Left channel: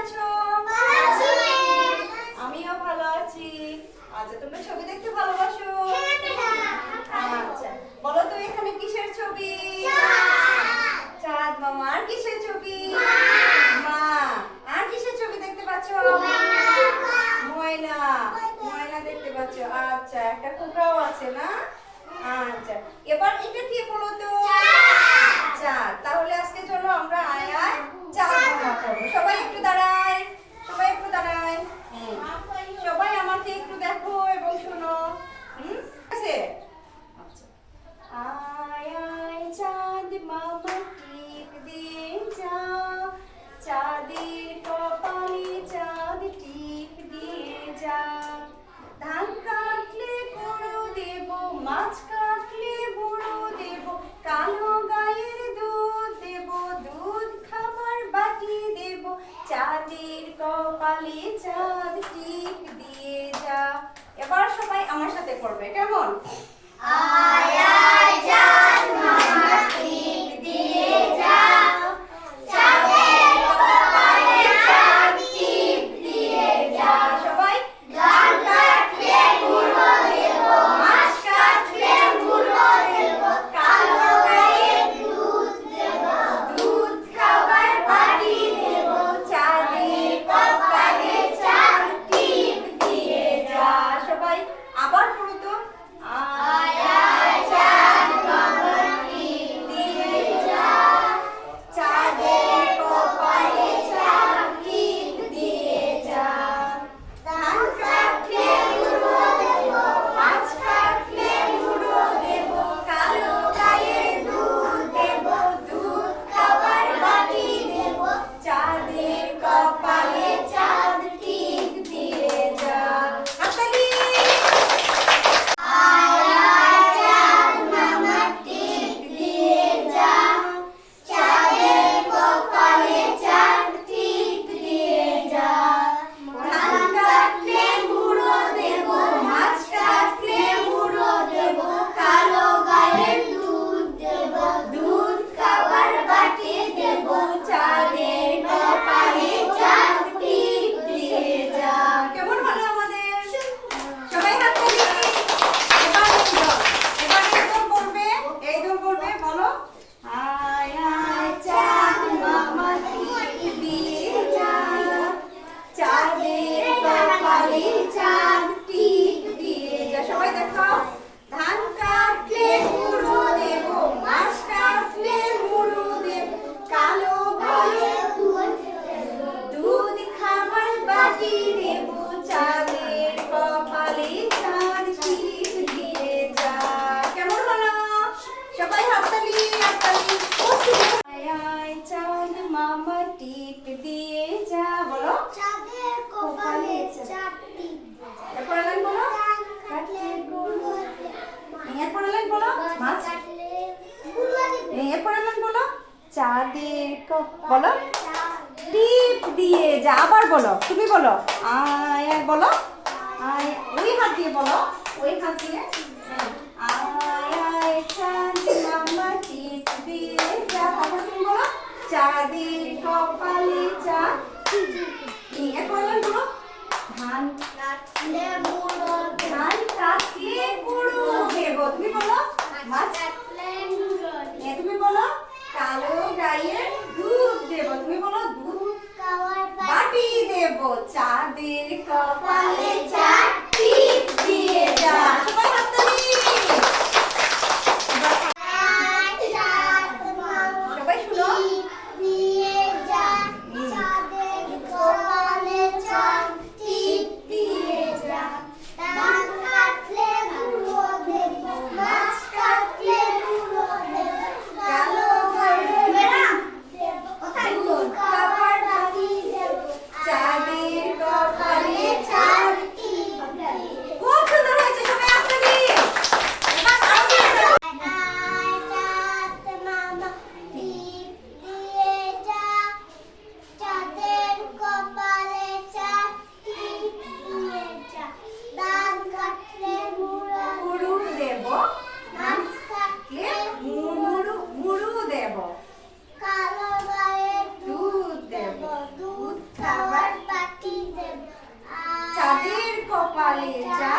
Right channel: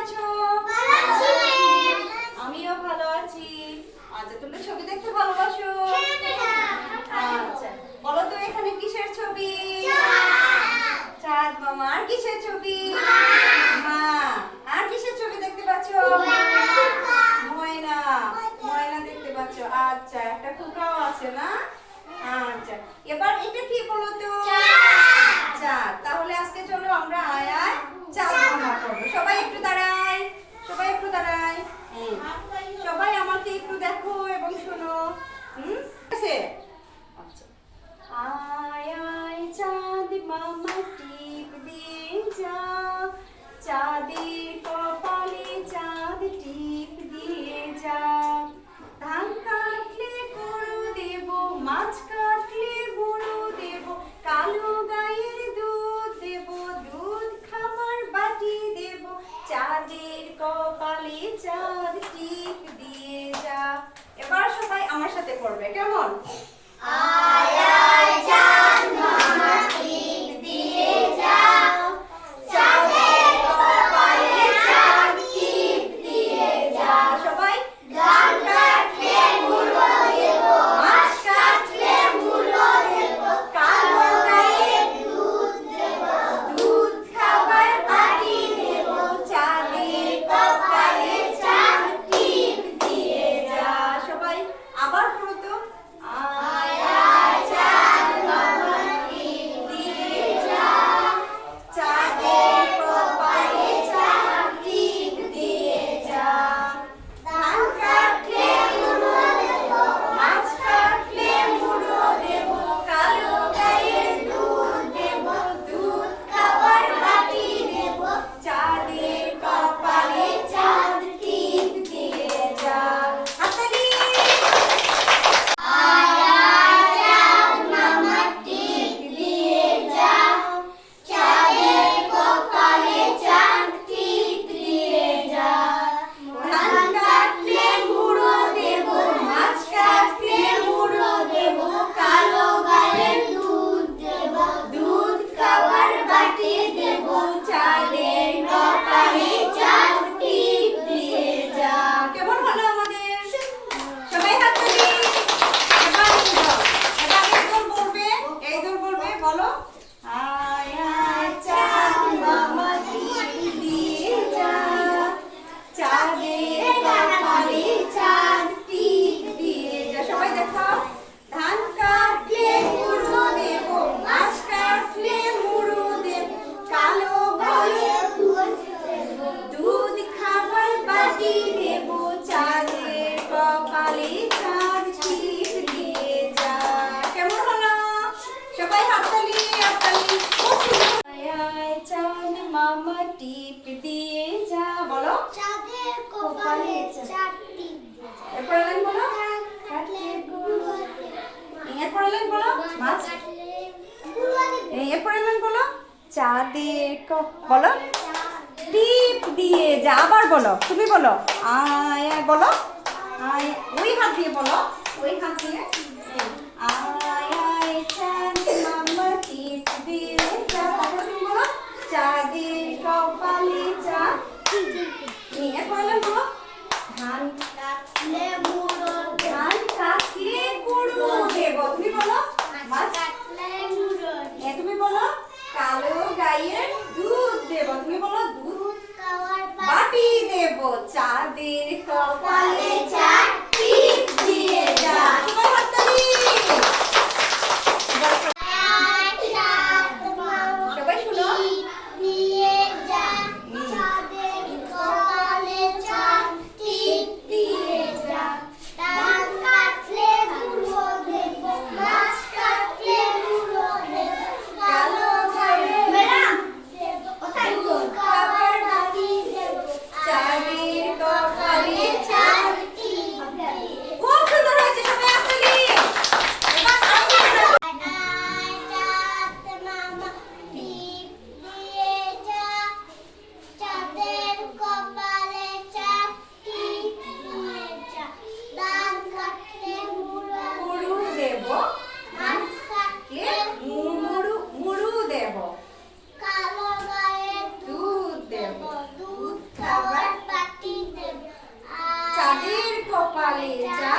আছো? আমিও ভালো আছি। আচ্ছা, তোমরা ছবি দেখতে ভালোবাসো? আচ্ছা, বলো তো এখানে কিসের ছবি? চাঁদ মামা। আর কিসের ছবি? মা। আর কিসের ছবি দেখতে পাচ্ছো? ময়না। ময়না দেখতে পাচ্ছো। আচ্ছা, একটা কুকাও আছে না? আচ্ছা, এবার এটা কি বলো তো? চাঁদ। তাহলে আজকে চলো আমরা আয় আয় চাঁদ মামা করবো। সবাই একটু দাঁড়ায়, সবাই একটু দাঁড়ায়। সবাই আমাকে একটু দেখো এবং শোনো। আছে? আচ্ছা, আয় আয় চাঁদ মামা টিপ দিয়ে যা, চাঁদের কপালে চাঁদ টিপ দিয়ে যা। ধান কাটলে গুঁড়ো দেব, মাছ কাটলে বুড়ো দেব, কালো গায়ের দুধ দেব, দুধ খাবার বাটি দেব, চাঁদের কপালে চাঁদ টিপ দিয়ে যা। এবার সবাই আমার সাথে পড়বে, কেমন? আয় আয় চাঁদ মামা টিপ দিয়ে যা, চাঁদের কপালে চাঁদ টিপ দিয়ে যা। সবাই ধান কাটলে গুঁড়ো দেব, মাছ কাটলে বুড়ো দেব, কালো গায়ের দুধ দেব, দুধ খাবার বাটি দেব, চাঁদের কপালে চাঁদ টিপ দিয়ে যা। সবাই আবার পড়ো তো। আয় আয় চাঁদ মামা টিপ দিয়ে যা, চাঁদের কপালে চাঁদ টিপ দিয়ে যা। ধান কাটলে গুঁড়ো দেব, মাছ কাটলে বুড়ো দেব, কালো গায়ের দুধ দেব, দুধ খাবার বাটি দেব, চাঁদের কপালে চাঁদ টিপ দিয়ে যা। হাততালি। আয় আয় চাঁদ মামা টিপ দিয়ে যা, চাঁদের কপালে চাঁদ টিপ দিয়ে যা। ধান কাটলে গুঁড়ো দেব, মাছ কাটলে বুড়ো দেব, কালো গায়ের দুধ দেব, দুধ খাবার বাটি দেব, চাঁদের কপালে চাঁদ টিপ দিয়ে যা। কেমন হলো আমাদের? সবাই হাততালি। এবার এই দল বলবে, এই দল বলবে, বলো। আয় আয় চাঁদ মামা টিপ দিয়ে যা, চাঁদের কপালে চাঁদ টিপ দিয়ে যা। সবাই দেখো। ধান কাটলে গুঁড়ো দেব, মাছ কাটলে মুড়ো দেব, কালো গায়ের দুধ খাবার বাটি দেব, চাঁদের কপালে চাঁদ টিপ দিয়ে যা। কেমন হলো? সবাই হাততালি, হাততালি। আয় আয় চাঁদ মামা টিপ দিয়ে যা। বলো। চাঁদের কপালে চাঁদ টিপ দিয়ে যা। এরপরে লাইন বলো। কাটলে গুঁড়ো দেব, এরপরে লাইন বলো। মাছ। কাটলে গুঁড়ো দেব, এরপরে লাইন বলো। চাঁদের বলো। টিপ দিয়ে যা। আবার বলো, তুমি বলো। আয় আয় বলো। আয়, ওই হাত দিয়ে বলো, ওই হাত দিয়ে। আয় আয় চাঁদ মামা টিপ দিয়ে যা। তারপরে তুমি বলো। চাঁদের কপালে চাঁদ। এরপরে লাইন বলো। ধান কাটলে গুঁড়ো দেব, ধান কাটলে গুঁড়ো দেব। তুমি বলো। মাছ কাটলে গুঁড়ো দেব, তুমি বলো। কালো গায়ের দুধ দেব। তুমি বলো। দুধ খাওয়ার বাটি দেব, চাঁদের কপালে চাঁদ টিপ দিয়ে যা। সবাই হাততালি। চাঁদ মামা সবাই শুনো। টিপ দিয়ে যা, চাঁদের কপালে চাঁদ টিপ দিয়ে যা। ধান কাটলে গুঁড়ো দেব, মাছ কাটলে গুঁড়ো দেব, কালো গায়ের দেব, দুধ খাবার বাটি দেব, চাঁদের কপালে চাঁদ টিপ কপালে চাঁদ